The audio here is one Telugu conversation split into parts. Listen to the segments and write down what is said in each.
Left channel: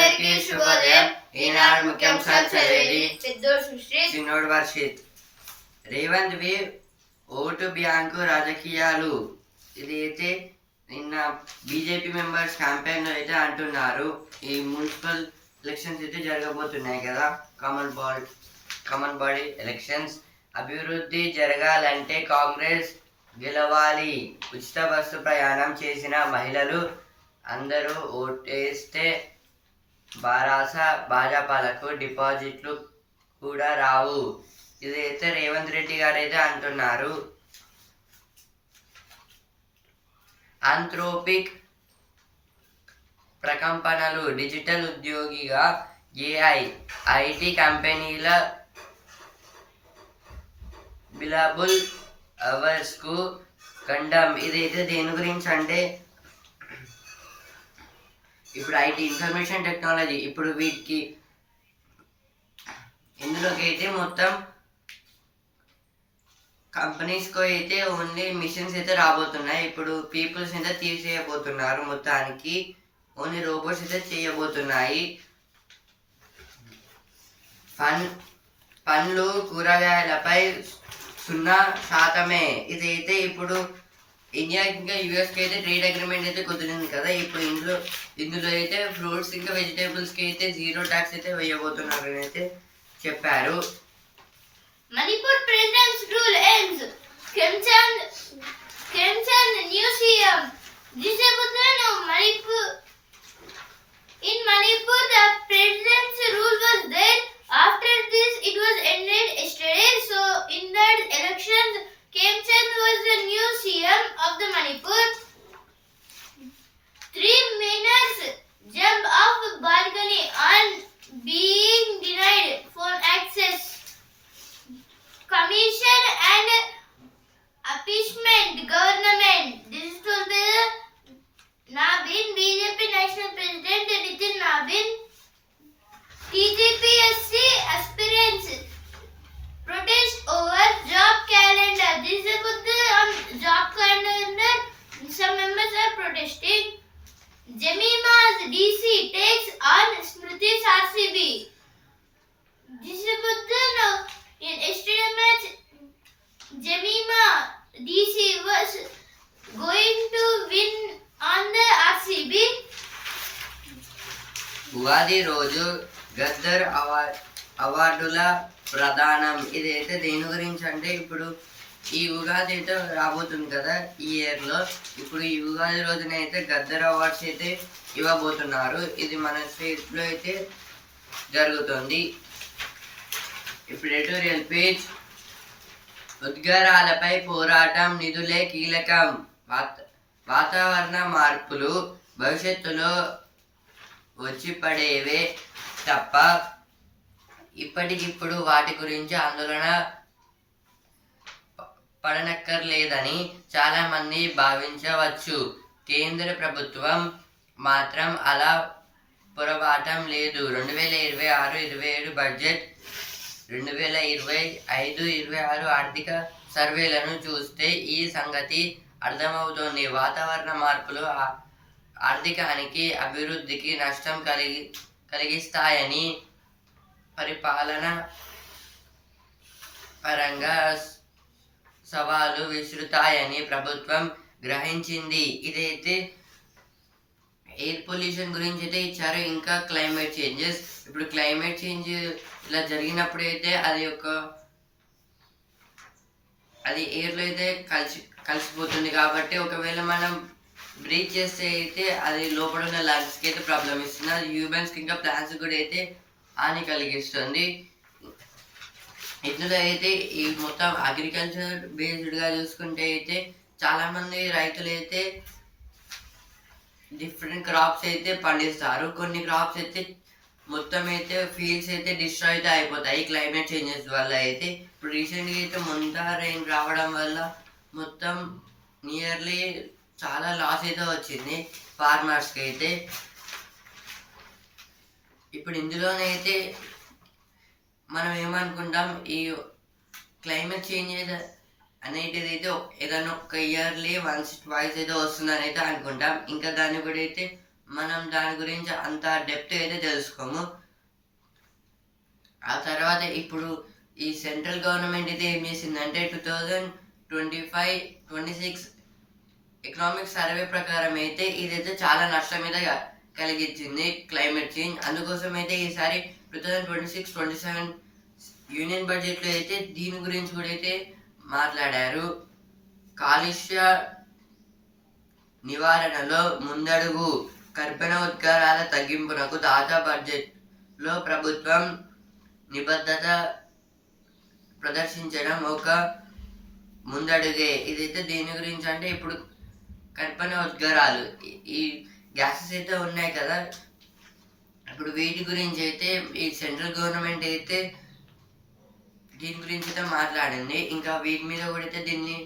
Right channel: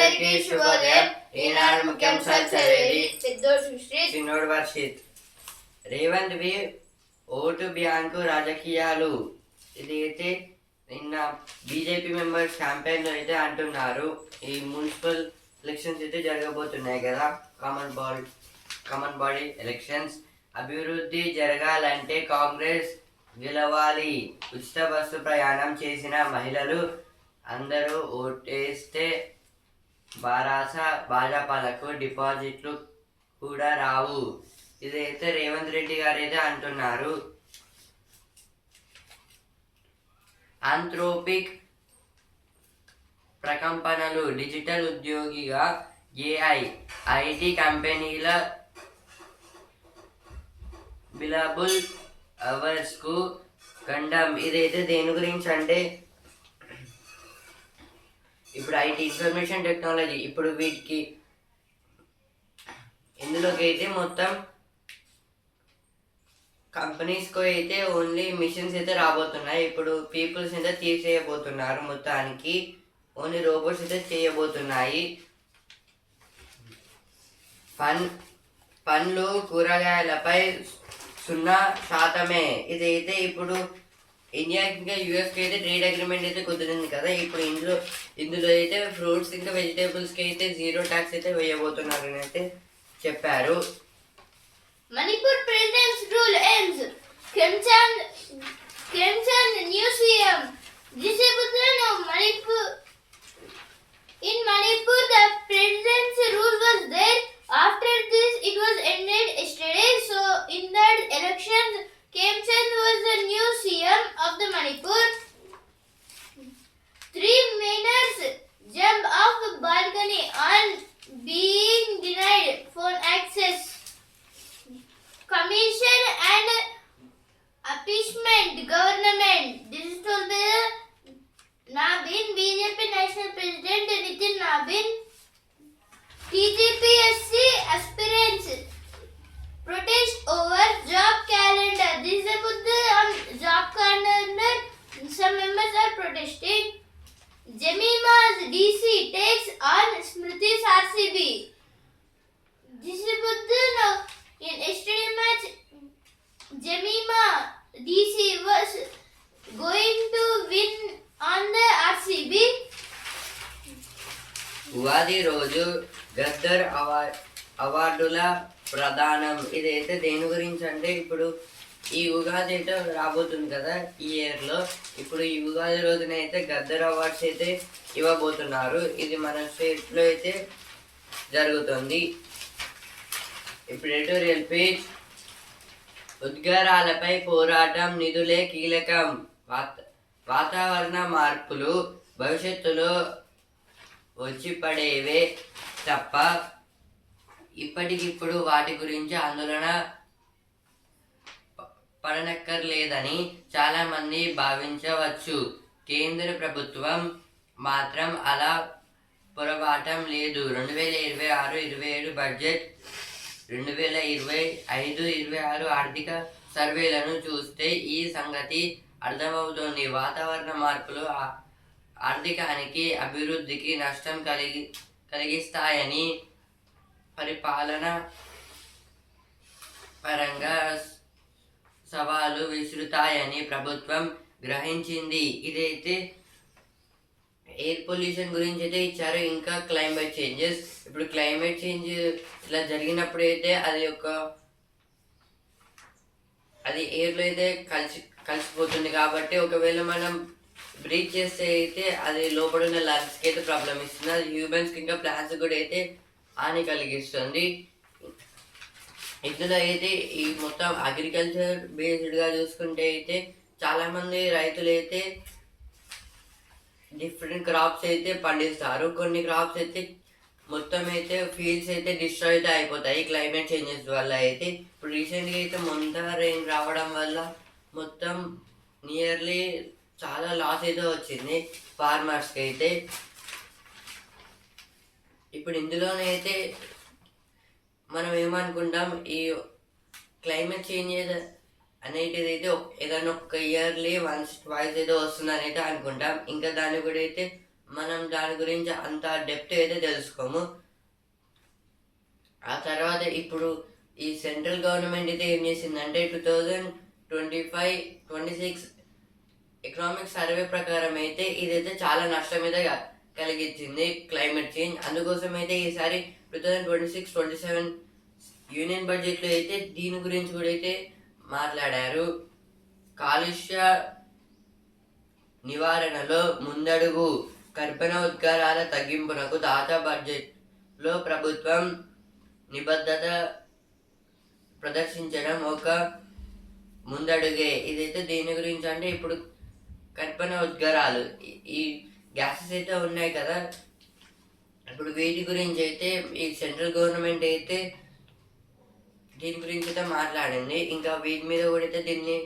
అందరికీ శుభోదయం. ఈనాడు ముఖ్యాంశాలు చదివేది చిన్నోడు వర్షిత్. రేవంత్ వి ఓటు బ్యాంకు రాజకీయాలు. ఇది అయితే నిన్న బీజేపీ మెంబర్స్ క్యాంపెయిన్ లో అయితే అంటున్నారు. ఈ మున్సిపల్ ఎలక్షన్స్ అయితే జరగబోతున్నాయి కదా, కామన్ బాడీ ఎలక్షన్స్. అభివృద్ధి జరగాలంటే కాంగ్రెస్ గెలవాలి. ఉచిత బస్సు ప్రయాణం చేసిన మహిళలు అందరూ ఓటేస్తే భాజపాలకు డిపాజిట్లు కూడా రావు. ఇదైతే రేవంత్ రెడ్డి గారు అయితే అంటున్నారు. ఆంథ్రోపిక్ ప్రకంపనలు. డిజిటల్ ఉద్యోగిగా ఐటీ కంపెనీల బిలబుల్ అవర్స్ కు గండం. ఇదైతే దేని గురించి అంటే, ఇప్పుడు ఐటీ ఇన్ఫర్మేషన్ టెక్నాలజీ, ఇప్పుడు వీటికి ఇందులోకి అయితే మొత్తం కంపెనీస్కి అయితే ఓన్లీ మిషన్స్ అయితే రాబోతున్నాయి. ఇప్పుడు పీపుల్స్ అయితే తీసేయబోతున్నారు. మొత్తానికి ఓన్లీ రోబోట్స్ అయితే చేయబోతున్నాయి. పండ్లు కూరగాయలపై 0% ఇదైతే ఇప్పుడు ఇండియాకి ఇంకా యూఎస్కి అయితే ట్రేడ్ అగ్రిమెంట్ అయితే కుదిరింది కదా. ఇప్పుడు ఇందులో అయితే ఫ్రూట్స్ ఇంకా వెజిటేబుల్స్కి అయితే 0 ట్యాక్స్ అయితే వేయబోతున్నారు అని అయితే చెప్పారు. Manipur presidents rule ends. Kremchand new CM. In Manipur, the president's rule was there. After this, it was ended yesterday. So, in that elections, Kremchand was the new CM of the Manipur. 3 minors jump off balcony on being denied phone access. Commission and appeasement government. This is told by Nabin, BJP National President Nitin Nabin. TGPSC aspirants protest over job calendar. This is about the job calendar. Some members are protesting. Jemima's DC takes on Smriti's RCB. This is about the in yesterday match, Jemima DC was going to win on the RCB. Ugadi రోజు గద్దర్ అవార్డుల ప్రదానం. ఇదైతే దేని గురించి అంటే, ఇప్పుడు ఈ ఉగాది అయితే రాబోతుంది కదా ఈ ఇయర్లో. ఇప్పుడు ఈ ఉగాది రోజున అయితే గద్దర్ అవార్డ్స్ అయితే ఇవ్వబోతున్నారు. ఇది మన స్టేట్లో అయితే జరుగుతుంది. ఇప్పుడు ఎడిటోరియల్ పేజ్. ఉద్గారాలపై పోరాటం, నిధులే కీలకం. వాతావరణ మార్పులు భవిష్యత్తులో వచ్చి పడేవే తప్ప ఇప్పటికిప్పుడు వాటి గురించి ఆందోళన పడనక్కర్లేదని చాలామంది భావించవచ్చు. కేంద్ర ప్రభుత్వం మాత్రం అలా పొరపాటం లేదు. 2026-27 బడ్జెట్, 2025-26 ఆర్థిక సర్వేలను చూస్తే ఈ సంగతి అర్థమవుతోంది. వాతావరణ మార్పులు ఆర్థికానికి, అభివృద్ధికి నష్టం కలిగిస్తాయని, పరిపాలన పరంగా సవాలు విసురుతాయని ప్రభుత్వం గ్రహించింది. ఇదైతే ఎయిర్ పొల్యూషన్ గురించి అయితే ఇచ్చారు. ఇంకా క్లైమేట్ చేంజెస్. ఇప్పుడు క్లైమేట్ చేంజ్ ఇలా జరిగినప్పుడు అయితే అది ఎయిర్లో అయితే కలిసిపోతుంది. కాబట్టి ఒకవేళ మనం బ్రీత్ చేస్తే అయితే అది లోపల ఉన్న లంగ్స్కి అయితే ప్రాబ్లం ఇస్తుంది. అది హ్యూమన్స్కి ఇంకా ప్లాంట్స్ కూడా అయితే హాని కలిగిస్తుంది. ఇందులో అయితే ఈ మొత్తం అగ్రికల్చర్ బేస్డ్గా చూసుకుంటే అయితే చాలామంది రైతులు అయితే డిఫరెంట్ క్రాప్స్ అయితే పండిస్తారు. కొన్ని క్రాప్స్ అయితే మొత్తం అయితే ఫీల్డ్స్ అయితే డిస్ట్రాయ్ అయితే అయిపోతాయి క్లైమేట్ చేంజెస్ వల్ల అయితే. ఇప్పుడు రీసెంట్గా అయితే రెయిన్ రావడం వల్ల మొత్తం నియర్లీ చాలా లాస్ అయితే వచ్చింది ఫార్మర్స్కి అయితే. ఇప్పుడు ఇందులోనైతే మనం ఏమనుకుంటాం, ఈ క్లైమేట్ చేంజెస్ అనేటిది అయితే ఏదైనా ఒక ఇయర్లీ 1-2 అయితే వస్తుందని అయితే అనుకుంటాం. ఇంకా దాన్ని కూడా అయితే మనం దాని గురించి అంత డెప్త్ అయితే తెలుసుకోము. ఆ తర్వాత ఇప్పుడు ఈ సెంట్రల్ గవర్నమెంట్ అయితే ఏం చేసిందంటే 2025-26 ఎకనామిక్ సర్వే ప్రకారం అయితే ఇదైతే చాలా నష్టం మీద కలిగించింది క్లైమేట్ చేంజ్. అందుకోసం అయితే ఈసారి 2026-27 యూనియన్ బడ్జెట్లో అయితే దీని గురించి కూడా అయితే మాట్లాడారు. కాలుష్య నివారణలో ముందడుగు, కర్బన ఉద్గారాల తగ్గింపునకు తాజా బడ్జెట్లో ప్రభుత్వం నిబద్ధత ప్రదర్శించడం ఒక ముందడుగే. ఇదైతే దేని గురించి అంటే ఇప్పుడు కర్బన ఉద్గారాలు ఈ గ్యాసెస్ అయితే ఉన్నాయి కదా, ఇప్పుడు వీటి గురించి అయితే ఈ సెంట్రల్ గవర్నమెంట్ అయితే దీని గురించి అయితే మాట్లాడింది. ఇంకా వీటి మీద కూడా అయితే దీన్ని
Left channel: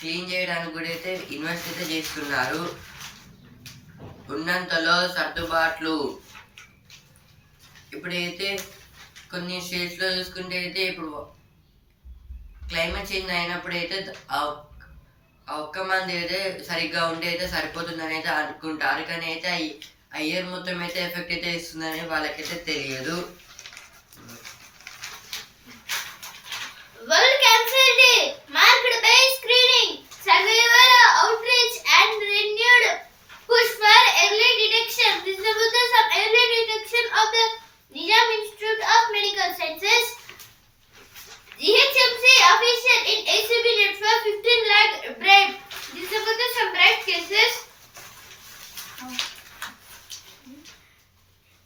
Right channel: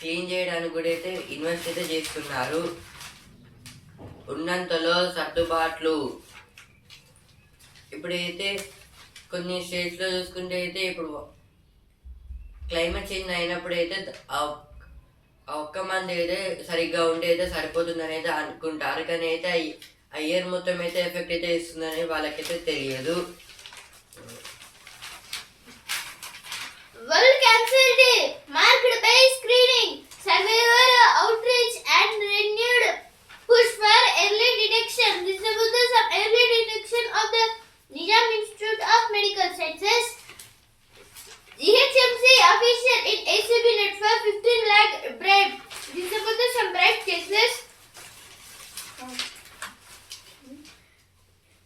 క్లీన్ చేయడానికి కూడా అయితే ఇన్వెస్ట్ అయితే చేస్తున్నారు. ఉన్నంతలో సర్దుబాట్లు, ఇప్పుడైతే కొన్ని స్టేట్స్లో చూసుకుంటే అయితే ఇప్పుడు క్లైమేట్ చేంజ్ అయినప్పుడు అయితే ఆ ఒక్క మంది అయితే సరిగ్గా ఉంటే అయితే సరిపోతుందని అయితే అనుకుంటారు, కానీ అయితే ఆ ఇయర్ మొత్తం అయితే ఎఫెక్ట్ అయితే ఇస్తుందని వాళ్ళకైతే తెలియదు. World Cancer Day marked by screening, survivor outreach and renewed push for early detection. This is about some early detection of the Nizam Institute of Medical Sciences. GHMC official in ACB net for 15 lakh bribe. This is about some bribe cases.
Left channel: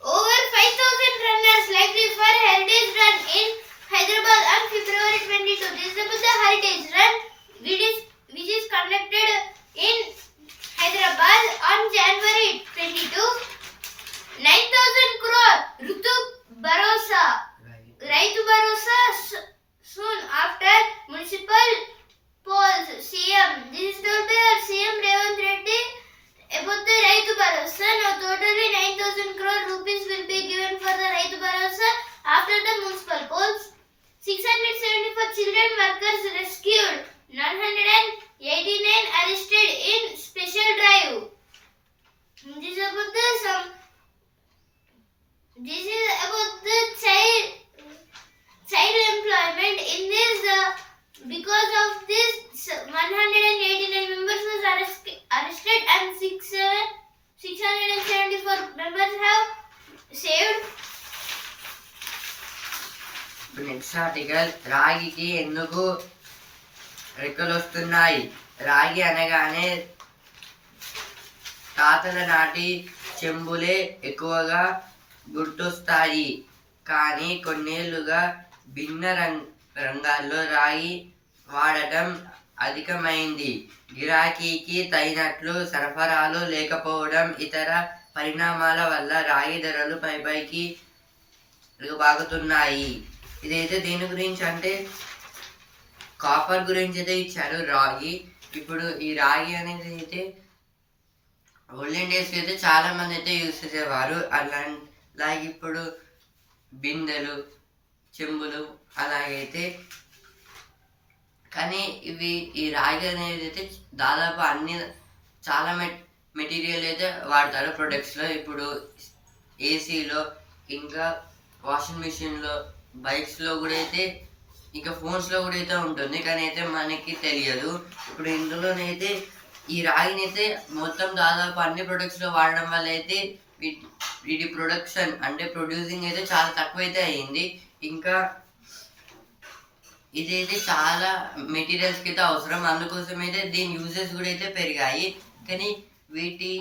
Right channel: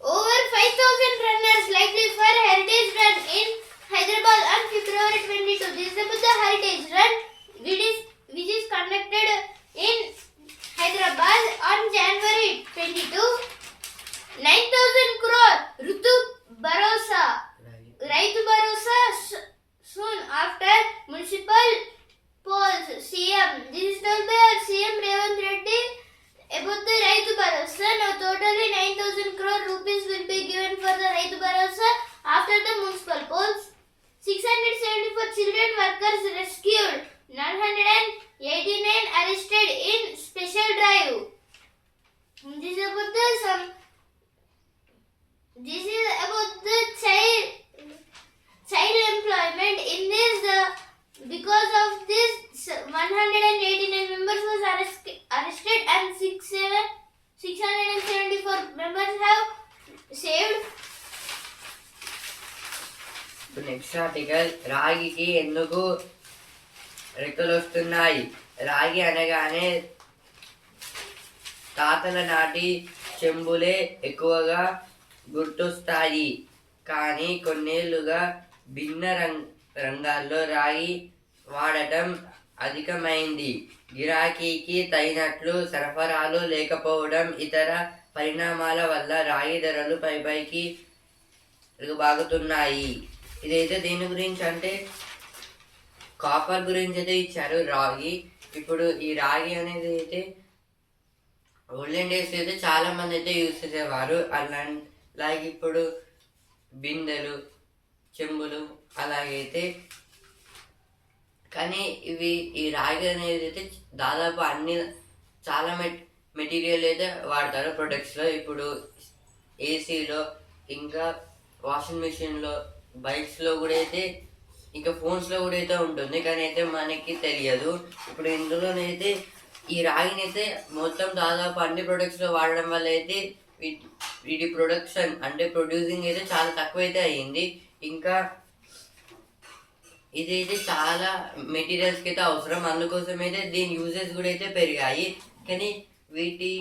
Over 5,000 runners likely for Heritage Run in Hyderabad on February 22. This is about the Heritage Run, which is conducted in Hyderabad on January 22. 9,000 crore Raitu Bharosa soon after municipal polls. CM. This is told by our CM Revant Reddy about the Raitu Bharosa. Now totally 9,000 crore rupees will be given for the Raitu Bharosa after the municipal polls. 674 children workers rescued. 989 arrested in special drive. This is about the child employment. In this, because of this, 189 members was arrested and 674 members have saved. Next article, రాగికి ఎందుకు రెక్కలు వస్తున్నాయి? రాగి అనగానే తాతల నాటి చెంబులే ఎక్కువగా గుర్తొస్తాయి, కానీ కొన్నేళ్లుగా భిన్న రంగాల్లో రాగి వాడటం అధికమైంది. గిరాకీకి తగినట్లు సరఫరాలు లేకపోవడం, ఇతర పరిణామాల వల్ల రాగి ధరలు పైకి బాగుతున్నాయి. ఇదైతే దేని గురించి అంటే కాపర్ గురించి అయితే ఇచ్చారు. రాగి, ఇప్పుడు ఈ రాగి అనేది అయితే ఓల్డెన్ డేస్లో అయితే చాలా మంది అయితే యూజ్ చేసేవారు. అలాగే ఇప్పుడు బిందెలు, చెంబులు అలాగైతే, కానీ ఈ రాగి అనేది అయితే దాదాపు చాలా మెటీరియల్ అయితే వాడతారు ప్రొడక్ట్స్లో. ఇప్పుడు ఏసీలో, ఇంకా వాషింగ్ మిషన్లో, బైక్స్లో కూడా అయితే, ఇంకా ఫోన్స్లో కూడా అయితే ఉంటుంది, కానీ అయితే మనకి తెలియదు. ఇప్పుడు ఇందులోనైతే ఈ రాగిని అయితే మొత్తం దాదాపు అన్ని ప్రొడక్ట్స్లో వాడడం వల్ల అయితే వీటి ప్రొడక్షన్ అంటే ప్రొడ్యూసింగ్ అయితే చాలా తక్కువ అయితే అయ్యింది. ఇంకా ఇదైతే చాలా మెటీరియల్స్కి అయితే అవసరం, అందుకోసం అయితే దీని యూజెస్ కూడా అయితే పెరిగాయి, కానీ వీటి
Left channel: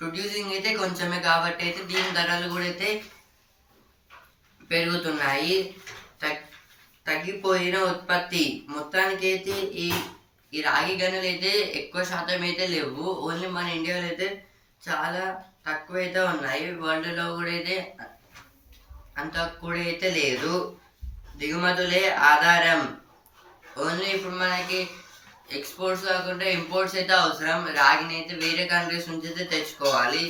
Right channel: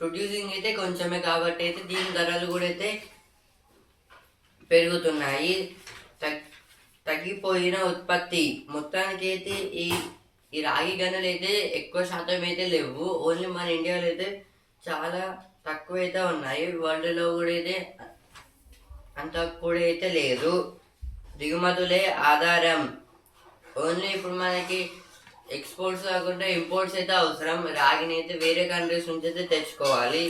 ప్రొడ్యూసింగ్ అయితే కొంచెమే కాబట్టి అయితే దీని ధరలు కూడా అయితే పెరుగుతున్నాయి. తగ్గిపోయిన ఉత్పత్తి, మొత్తానికి అయితే ఈ రాగి గనులు అయితే ఎక్కువ శాతం అయితే లేవు. ఓన్లీ మన ఇండియాలో అయితే చాలా తక్కువ అయితే ఉన్నాయి. వరల్డ్లో కూడా అయితే అంత కూడా అయితే లేదు. దిగుమతులే ఆధారం. ఓన్లీ ఇప్పుడు మనకి ఎక్స్పోర్ట్స్ కాకుండా ఇంపోర్ట్స్ అయితే అవసరం. రాగిని అయితే వేరే కంట్రీస్ నుంచి అయితే తెచ్చుకోవాలి.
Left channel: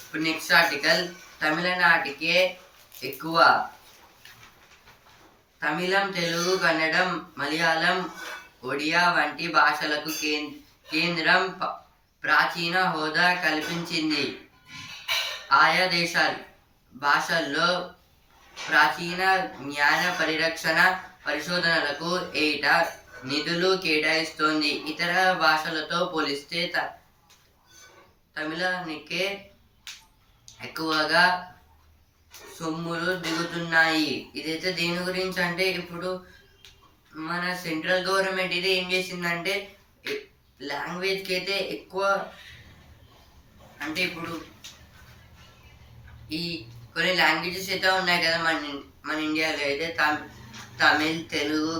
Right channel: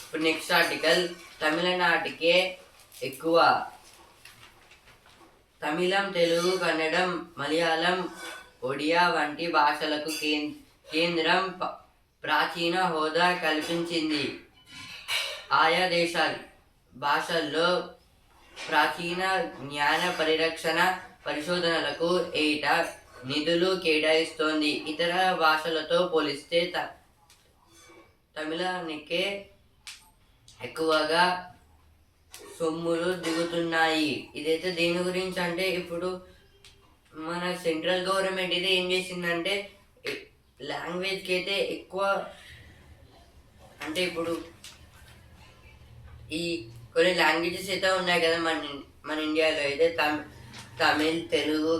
ఇప్పుడు నెక్స్ట్ ఆర్టికల్, తమిళనాటికే ఎక్కువ. తమిళం, తెలుగు, కన్నడం, మలయాళం, ఒడియా వంటి భాషలకు కేంద్రం ప్రాచీన హోదా కల్పించింది. ఆయా భాషల్లో ప్రాచీన జ్ఞాన పరిరక్షణ పరిశోధనలకు ఏటా నిధులు కేటాయిస్తోంది. ఇతర భాషలతో పోలిస్తే తమిళానికే ఎక్కువగా సొమ్ములు దిగుతున్నాయి. ఇదైతే దేని గురించి అంటే ఇప్పుడు మన సెంట్రల్ గవర్నమెంట్ అయితే ఏం చేసిందంటే లాంగ్వేజ్కి అయితే ఎక్కువ అంటే ఇప్పుడు ఈ కొన్ని లాంగ్వేజెస్ అయితే ఉన్నాయి కదా మన ఇండియాలో అయితే తమిళ్, తెలుగు,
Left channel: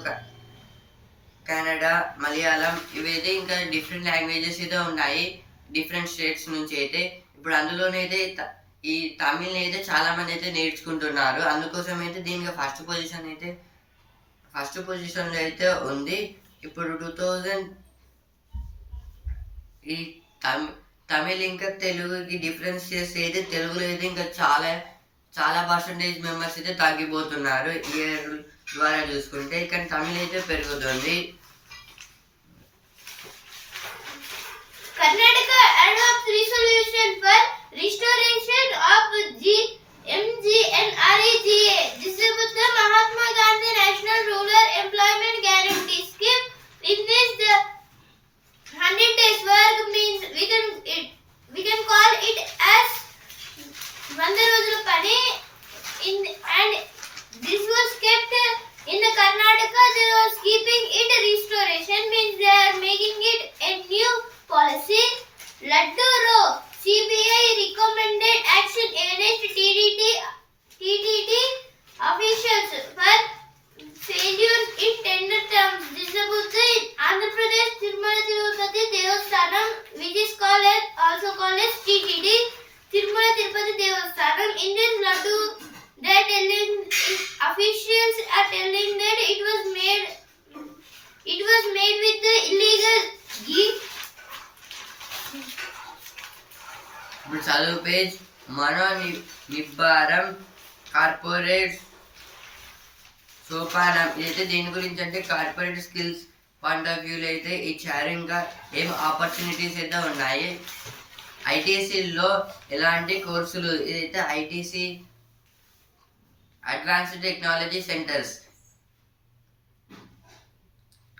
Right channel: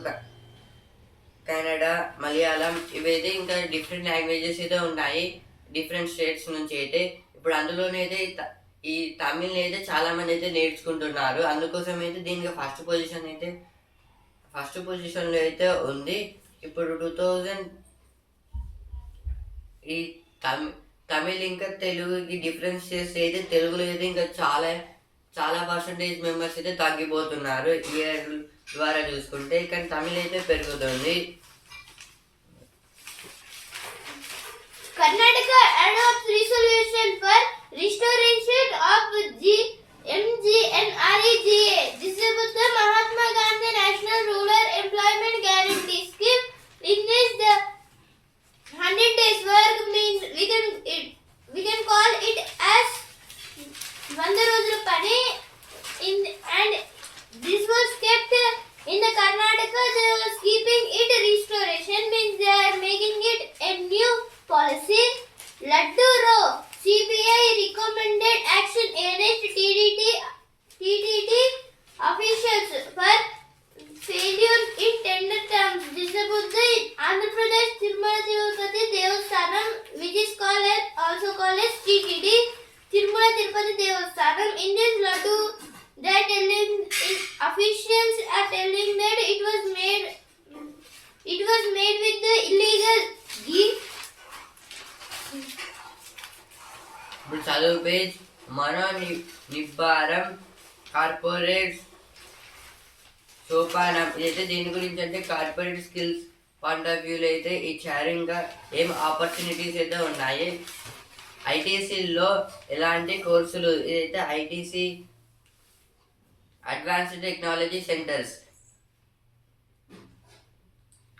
కన్నడ, మలయాళం ఇవైతే ఇంకా డిఫరెంట్ లాంగ్వేజెస్ అయితే ఉన్నాయి డిఫరెంట్ స్టేట్స్ నుంచి అయితే. ఇప్పుడు అందులోనైతే ఈ తమిళ్ని అయితే చాలా మంది అయితే నేర్చుకుంటున్నారు. అందుకోసం అయితే దీనికి ఫస్ట్ పొజిషన్లో అయితే ఉంది. ఇప్పుడు 2000 ఈ తమిళ్ ఇంకా తెలుగుకి డిఫరెన్స్ చేస్తే అయితే తెలుగులో అయితే ఇంకా చాలా పర్సంటేజ్ మెంబర్స్ అయితే తగ్గిపోతున్నారు ఇయర్ ద్వారా చూసుకుంటే. కానీ తమిళ్ అయితే పెరుగుతుంది. Karnataka adopts resolution for restoration of MGNREGA. This is with the Mahatma Gandhi National Rural Employment Guarantee Scheme. In this, the 100 days work means we can call it as 100 రోజుల పని. And this was kept in the Karnataka. They was keeping it restoration means they are making it a new policy. Laddu Row, CBI recommended action against TTD officials for failures in tender terms. This is about the Andhra Pradesh Tirumala Tirupati Devasthanam, which is also called as TTD, Tirumala Tirupati Devasthanam. In this Laddu, officials are telling that it was made with the illegal ghee. ఇప్పుడు చదువు పేజ్ నిబ్బారం కార్పొరేట్ సోపానం. ఇదైతే దేని గురించి అంటే కార్పొరేట్ స్కిల్స్ పాయింట్ ఆఫ్ వ్యూలో అయితే ఇచ్చారు. ఇంకా ఏం ఆపర్చునిటీస్ అయితే ఉన్నాయి. ఐటీసీలో ఎలాంటి కోర్సులు, ఇదైతే ఐటీసీ అడ్వాన్స్డ్ టెక్నాలజీ సెంటర్స్.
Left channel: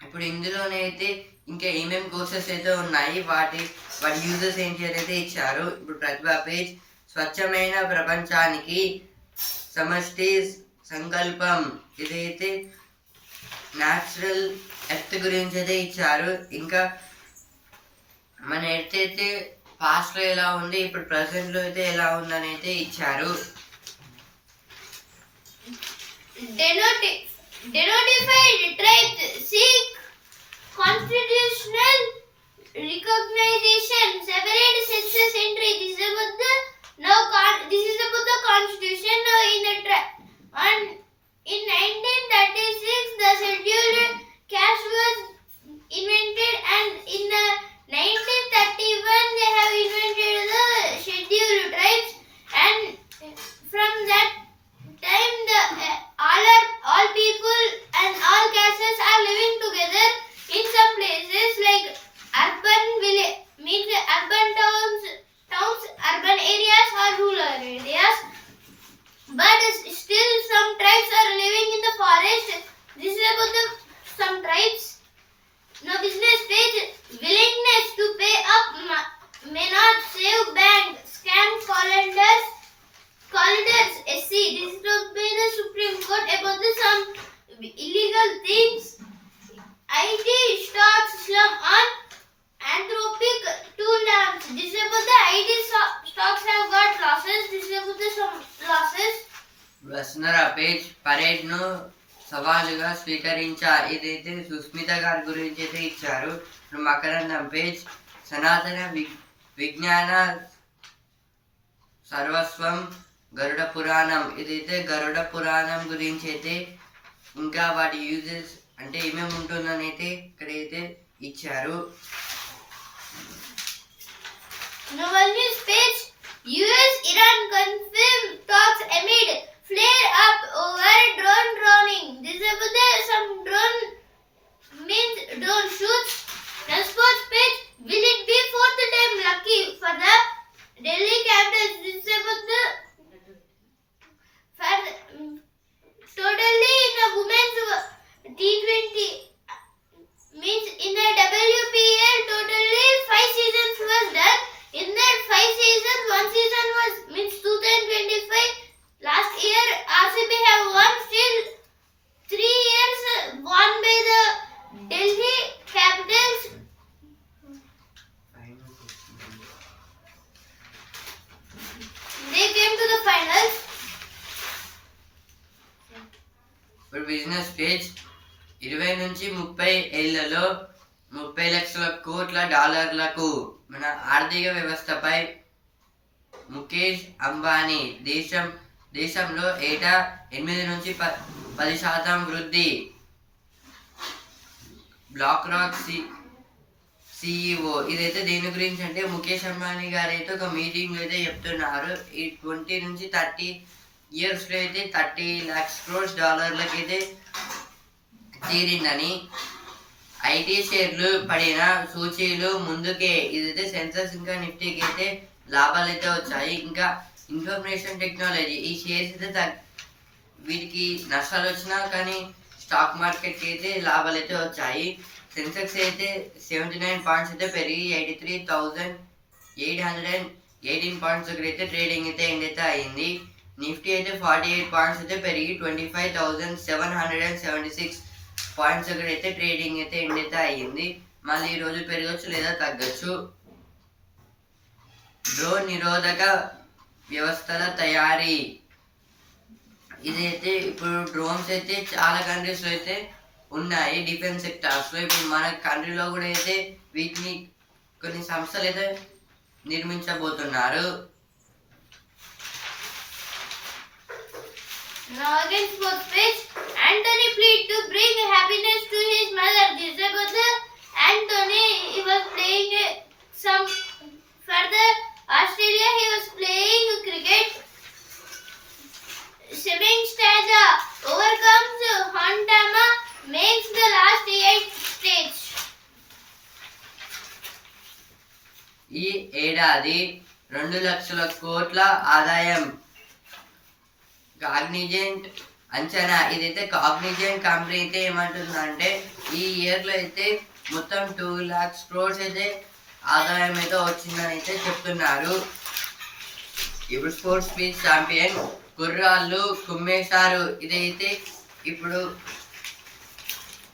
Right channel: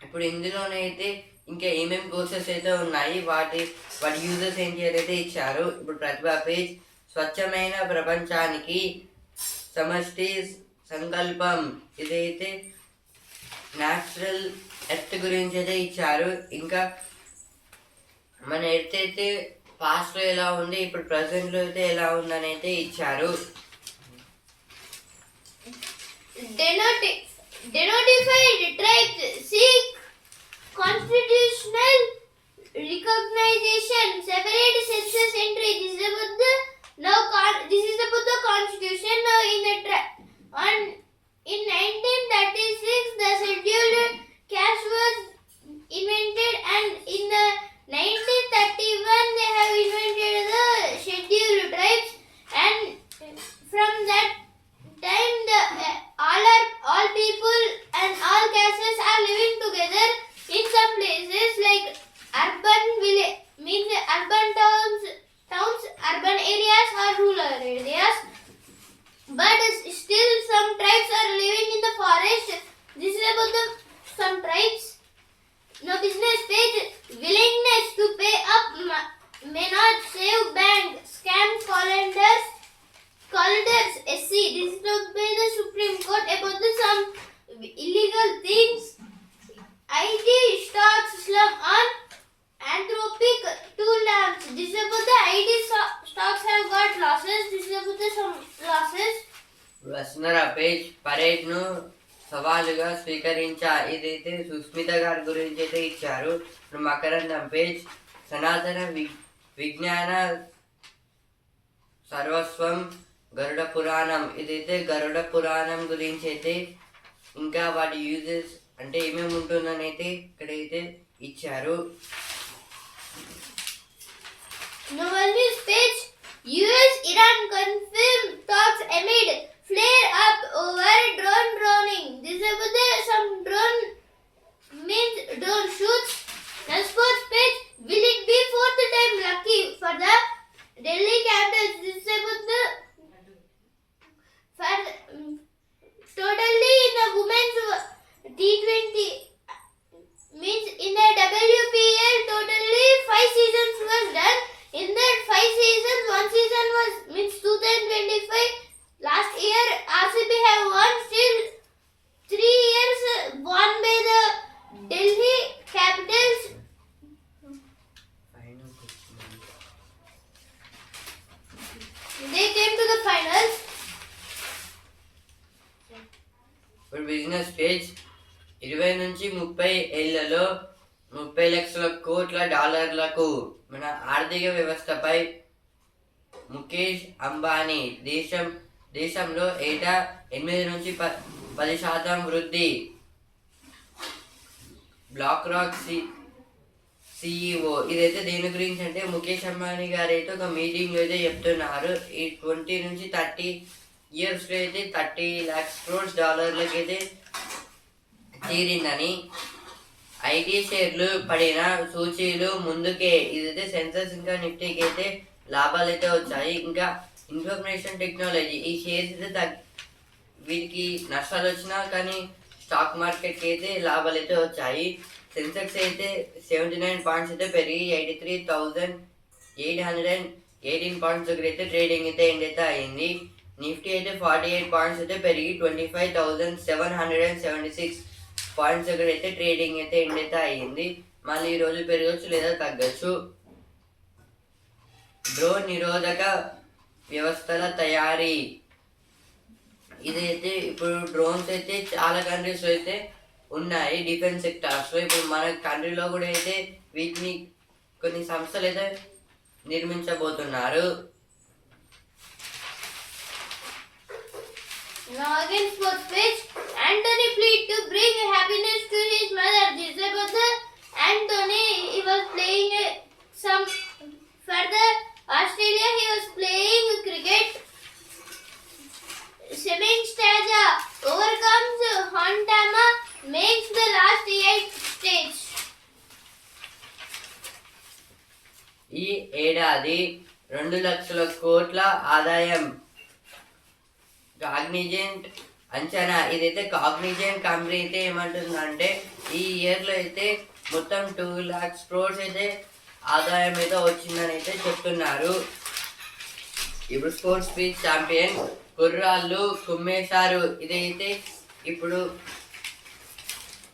ఇప్పుడు ఇందులోనైతే ఇంకా ఏమేమి కోర్సెస్ అయితే ఉన్నాయి, వాటి యూజర్స్ ఏంటి అయితే ఇచ్చారు. ఇప్పుడు ప్రతిభా పేజ్ స్వచ్ఛమైన ప్రపంచానికి సమష్టి సంకల్పం. ఇదైతే న్యాచురల్ ఎర్త్ గురించి అయితే ఇచ్చారు. ఇంకా మన ఎర్త్ అయితే పాస్ట్లో ఎలా ఉంది, ఇప్పుడు ప్రజెంట్లో అయితే ఎలా ఉందని అయితే ఇచ్చారు. Denotified tribes seek constitutional recognition, separate census entry. This is about the constitution. Now in 1936 the scheduled caste was invented, and in 1931 they have invented the scheduled tribes, and from that time all people and all castes are living together. In some places like urban village means urban towns, urban areas or rural areas, but still some tribes are living in the forest. This is about some tribes. Now business page, willingness to pay up may not save bank, scam calendars SC. This is by the Supreme Court about some illegal things. IT stocks slump on Anthropic 2 lamps. This is about the IT stocks have got losses. This is about the some losses. వస్తున్నరా పేజ్ పరేడ్ను సవాలుగా స్వీకరించా. ఇదైతే సుస్మిత గారి గురించి అయితే ఇచ్చారు. ఇప్పుడు మకరందం పేజ్ సనాతన విజ్ఞాన సర్వస్వం గరుడ పురాణం. ఇదైతే గరుడ పురాణం గురించి అయితే ఇంకా వాటి యూజెస్ అంటే ఏమేమి ఉంటుందని అయితే ఇక్కడైతే ఇచ్చారు. Novel news page, US-Iran confirm talks amid flare up over drone droning. This is about some drone means drone shoots. The sports page, will it be fourth time 25. Last year RCB have won still 3 years won by the Delhi Capitals. They came to the finals. ఇప్పుడు బిజినెస్ పేజ్ 20 నుంచి 30 ఏళ్లలో 30 లక్షల కోట్ల డాలర్లకు మన ఆర్థిక వ్యవస్థపై ముఖేష్ అంబానీ దేశంలో ఏటా 8 నుంచి 10% వృద్ధి. బ్లాక్ రాక్ సిఇఓ ఇదైతే దేని గురించి అంటే ముఖేష్ అంబానీ గారు అయితే ఒక మీటింగ్లో అయితే చెప్తున్నారు. ఈ 20 నుంచి 30 ఇయర్స్లో అయితే 30 lakhs crores డాలర్లకి అయితే తీరిందని. ఐటీ షేర్లు పడిన సూచీలు ముందుకే. ఇదైతే సెన్సెక్స్ ఇంకా నిఫ్టీకి అయితే లాభాలు అయితే వచ్చాయి. ఇంకా ఇన్ఫర్మేషన్ టెక్నాలజీ ఈ షేర్స్ అయితే వీటికి నష్టాలు వచ్చినా కానీ స్టాక్ మార్కెట్కి అయితే లాభాలు అయితే వచ్చాయి. సెన్సెక్స్ అయితే 79 పాయింట్స్ అయితే పెరిగి 83,818 పాయింట్స్ దగ్గర అయితే ట్రేడింగ్ అయితే ఎండ్ అయితే అయింది. నిఫ్టీ అయితే 48 పాయింట్స్ అయితే పెరిగి 25,776 పాయింట్స్ దగ్గర అయితే ట్రేడింగ్ అయితే ఎండ్ అయితే అయ్యింది. మళ్ళీ ఈరోజు పెరగచ్చు లేదా తగ్గచ్చు. డ్రోన్ నిరోధక వ్యవస్థల తయారీ ఇదైతే ఇప్పుడు డ్రోన్స్ అయితే చాలా కంట్రీస్లో అయితే ఉన్నాయి డిఫెన్స్ సెక్టార్స్లో. ఇప్పుడు మన కంట్రీలో కూడా అయితే వీటిని కొన్ని సంస్థలు అయితే నిర్మించబోతున్నారు. Now again sports page. Anthony plead to bring happiness to his mother. This is about the Anthony. He was playing some further Australia. He was playing cricket. Sevin Staja overcomes Hontama, makes the last 8 stage. ఈ ఏడాది 2 లక్షల కోట్ల ఆదాయం కాగ్నిజెంట్ అంచనా. ఇదైతే కాగ్నిజెంట్ కంపెనీ అయితే ఏమంటుందంటే ఈ ఇయర్లో అయితే మొత్తం 2 lakhs crores అయితే ఆదాయం అయితే వచ్చిందని అయితే చెప్తున్నారు. ఇప్పుడు స్పోర్ట్స్ పీచ్ ఛాంపియన్ కుర్రాళ్ళు కుమ్మేశారు. ఇదైతే ఇప్పుడు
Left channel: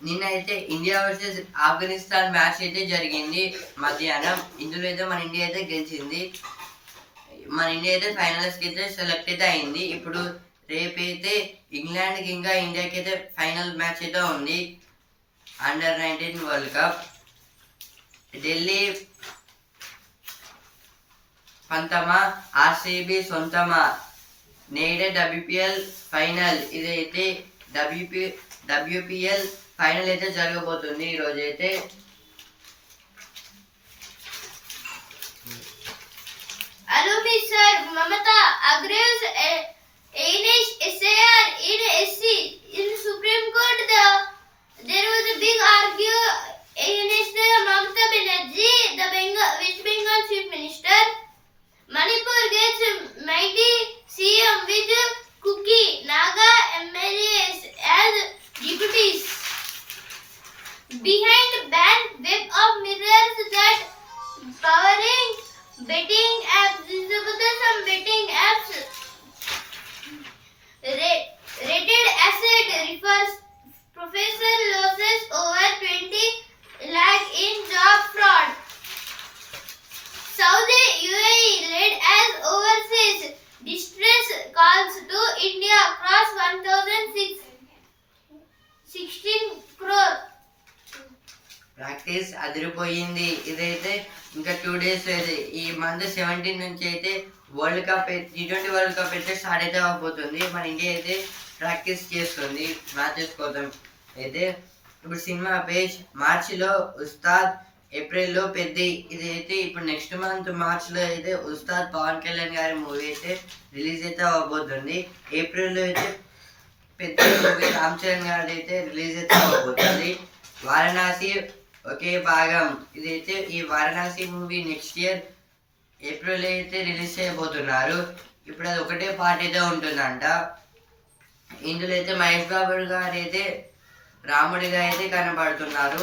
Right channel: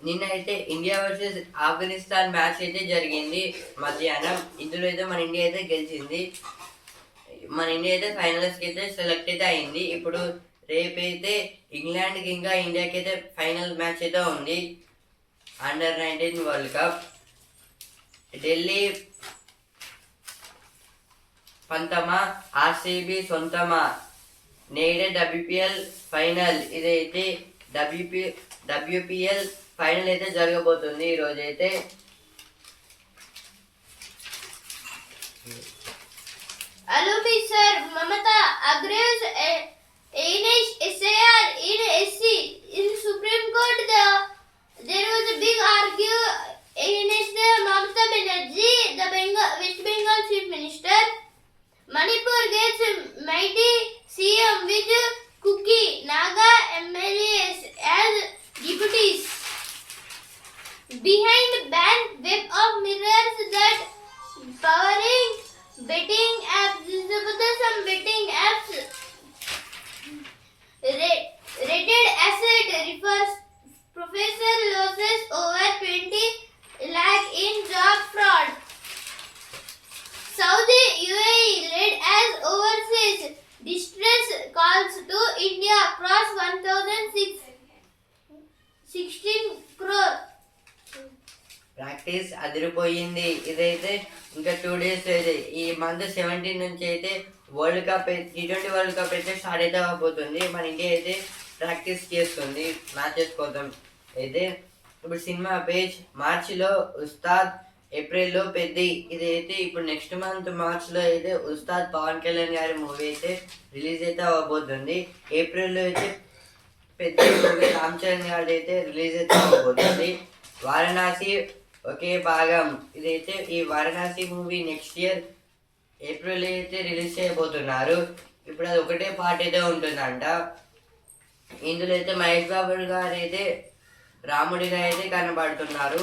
నిన్న అయితే ఇండియా వర్సెస్ ఆఫ్ఘనిస్తాన్ మ్యాచ్ అయితే జరిగింది మధ్యాహ్నం. ఇందులో అయితే మన ఇండియా అయితే గెలిచింది. మన ఇండియా అయితే ఫైనల్స్కి అయితే సెలెక్ట్ అయితే అయింది. ఇప్పుడు రేపైతే ఇంగ్లాండ్కి ఇంకా ఇండియాకి అయితే ఫైనల్ మ్యాచ్ అయితే ఉంది అండర్-19 వరల్డ్ కప్. ఢిల్లీ పంతమా ఆర్సీబీ సొంతమా నేడే WPL ఫైనల్. ఇదైతే WPL ఫైనల్ అయితే జరగబోతుంది ఈరోజు అయితే. Allow me, sir. Mamata agrees against SIR in SC. In Supreme Court, there was a big argue against the Mamata Banerjee, the West Bengal Chief Minister. Manipur gets mighty CM with Kuki Naga MLAs as deputies. Behind banned web of mirrors that powering betting apps. This is about some betting apps. Rated asset refers professor losses over 20 lakh in job fraud. Saudi UAE led as overseas distress calls to India cross 1,616 crore. Practice అదిరిపోయింది. ఇదైతే ఇంకా 2 days అయితే ఈ మంత్ 17 నుంచి అయితే world cup T20 world cup అయితే స్టార్ట్ అయితే అవబోతుంది. మన ఇండియా అయితే ప్రాక్టీస్ చేస్తుంది మ్యాచెస్ కోసం అయితే. ఇప్పుడు సినిమా పేజ్ మార్చిలో ఉస్తాద్, ఏప్రిల్లో పెద్ది. ఇదైతే ఇప్పుడు నెక్స్ట్ మంత్ మార్చ్లో అయితే ఉస్తాద్ పవన్ కళ్యాణ్ గారి మూవీ అయితే రిలీజ్ అయితే అవ్వబోతుంది. ఏప్రిల్లో అయితే పెద్ద మూవీ రామ్ చరణ్ గారి అయితే రిలీజ్ అయితే అవ్వబోతుంది. వారణాసి ఒకే భాగం. ఇదైతే ఈ Varanasi movie next year April అయితే రిలీజ్ చేయబోతున్నారు. ఇప్పుడు అది ఒకటే పార్ట్ అయితే ఉంటుందంట. ఇందులో అయితే మహేష్ బాబు గారు అయితే రాముడిగా అయితే కనబడుతున్నారు.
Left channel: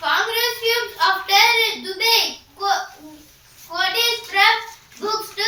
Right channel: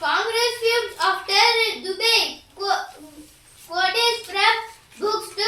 Congress fumes after Dubai quotes from books to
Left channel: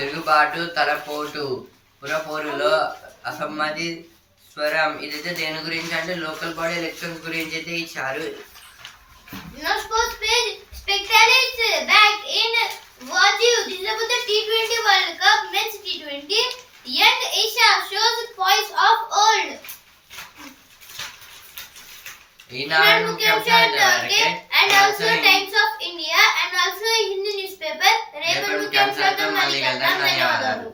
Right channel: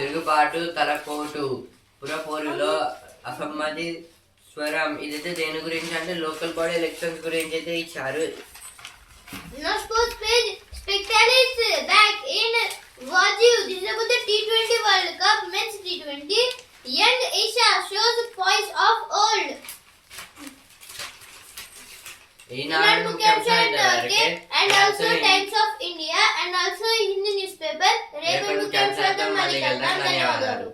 తిరుగుబాటు తలపోటు పురపోరులో అసమ్మతి స్వరం. ఇదైతే దేని గురించి అంటే లోకల్ బాడీ ఎలక్షన్స్ గురించి అయితే ఇచ్చారు. Now sports page Spectator back in Waju. This is about the T20 World Cup men's T20. Young Asia shows poise of old. ఈనాడు ముఖ్యాంశాలు ఇంతవరకే. And also Times of India and also Hindi newspaper. రేపటి ముఖ్యాంశాలతో మళ్ళీ కలుద్దాం. ధన్యవాదాలు.